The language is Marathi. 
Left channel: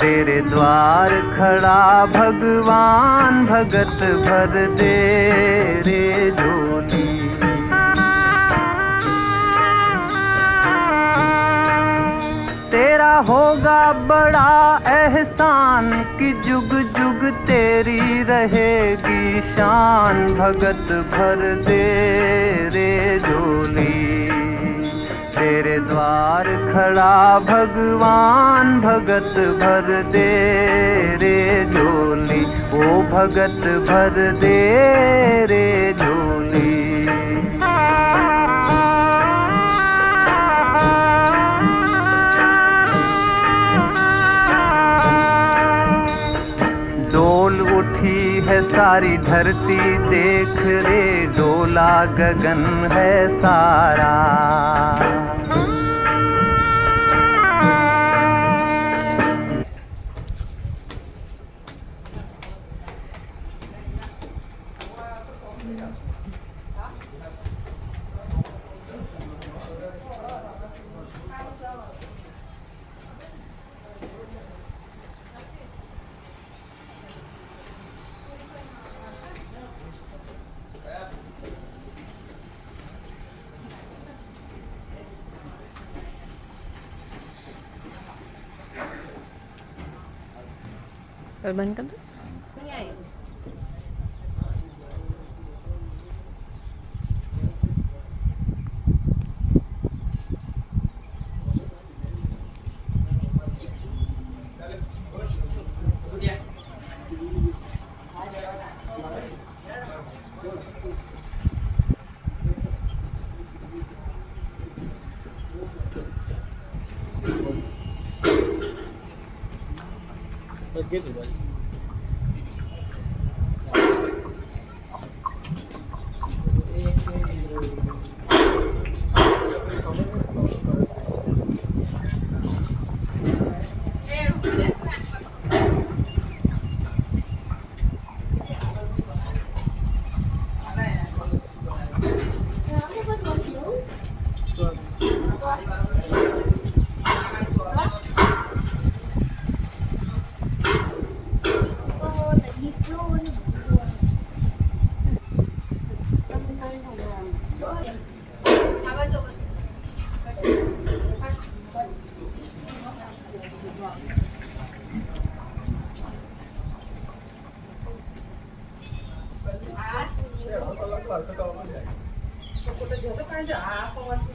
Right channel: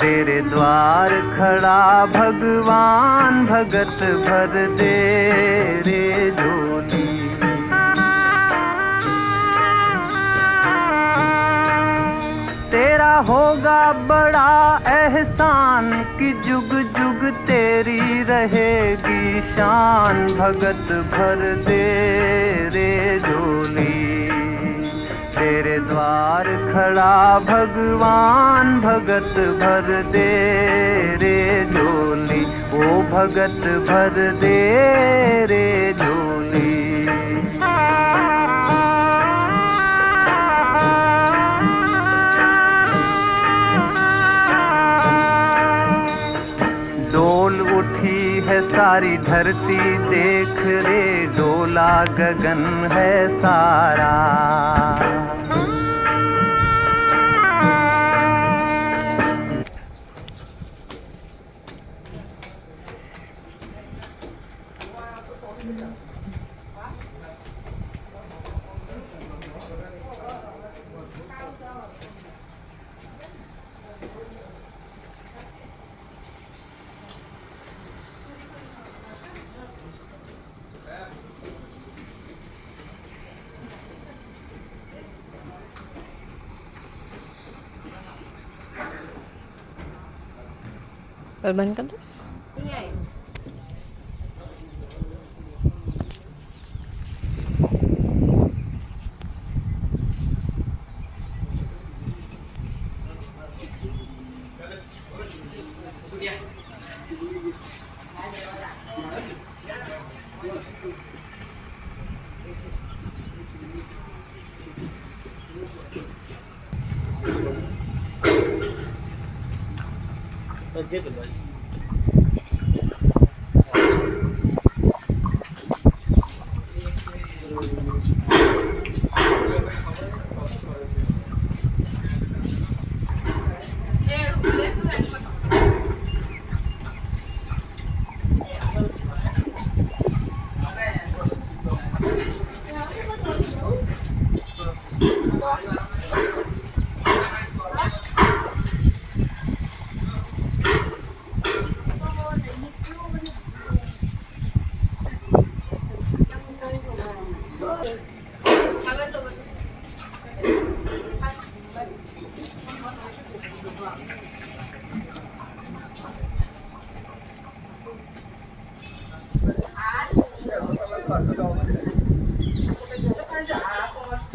तेरे द्वार खड़ा भगवान भगत भर दे रे झोली। तेरा होगा बड़ा एहसान कि जुग जुग तेरी रहेगी शान भगत भर दे रे झोली। तेरे द्वार खड़ा भगवान भगत भर दे रे झोली। ओ भगत भर दे रे झोली। डोल उठी है सारी धरती देख रे डोला गगन है सारा। बंद कर दो। नहीं आई। Aku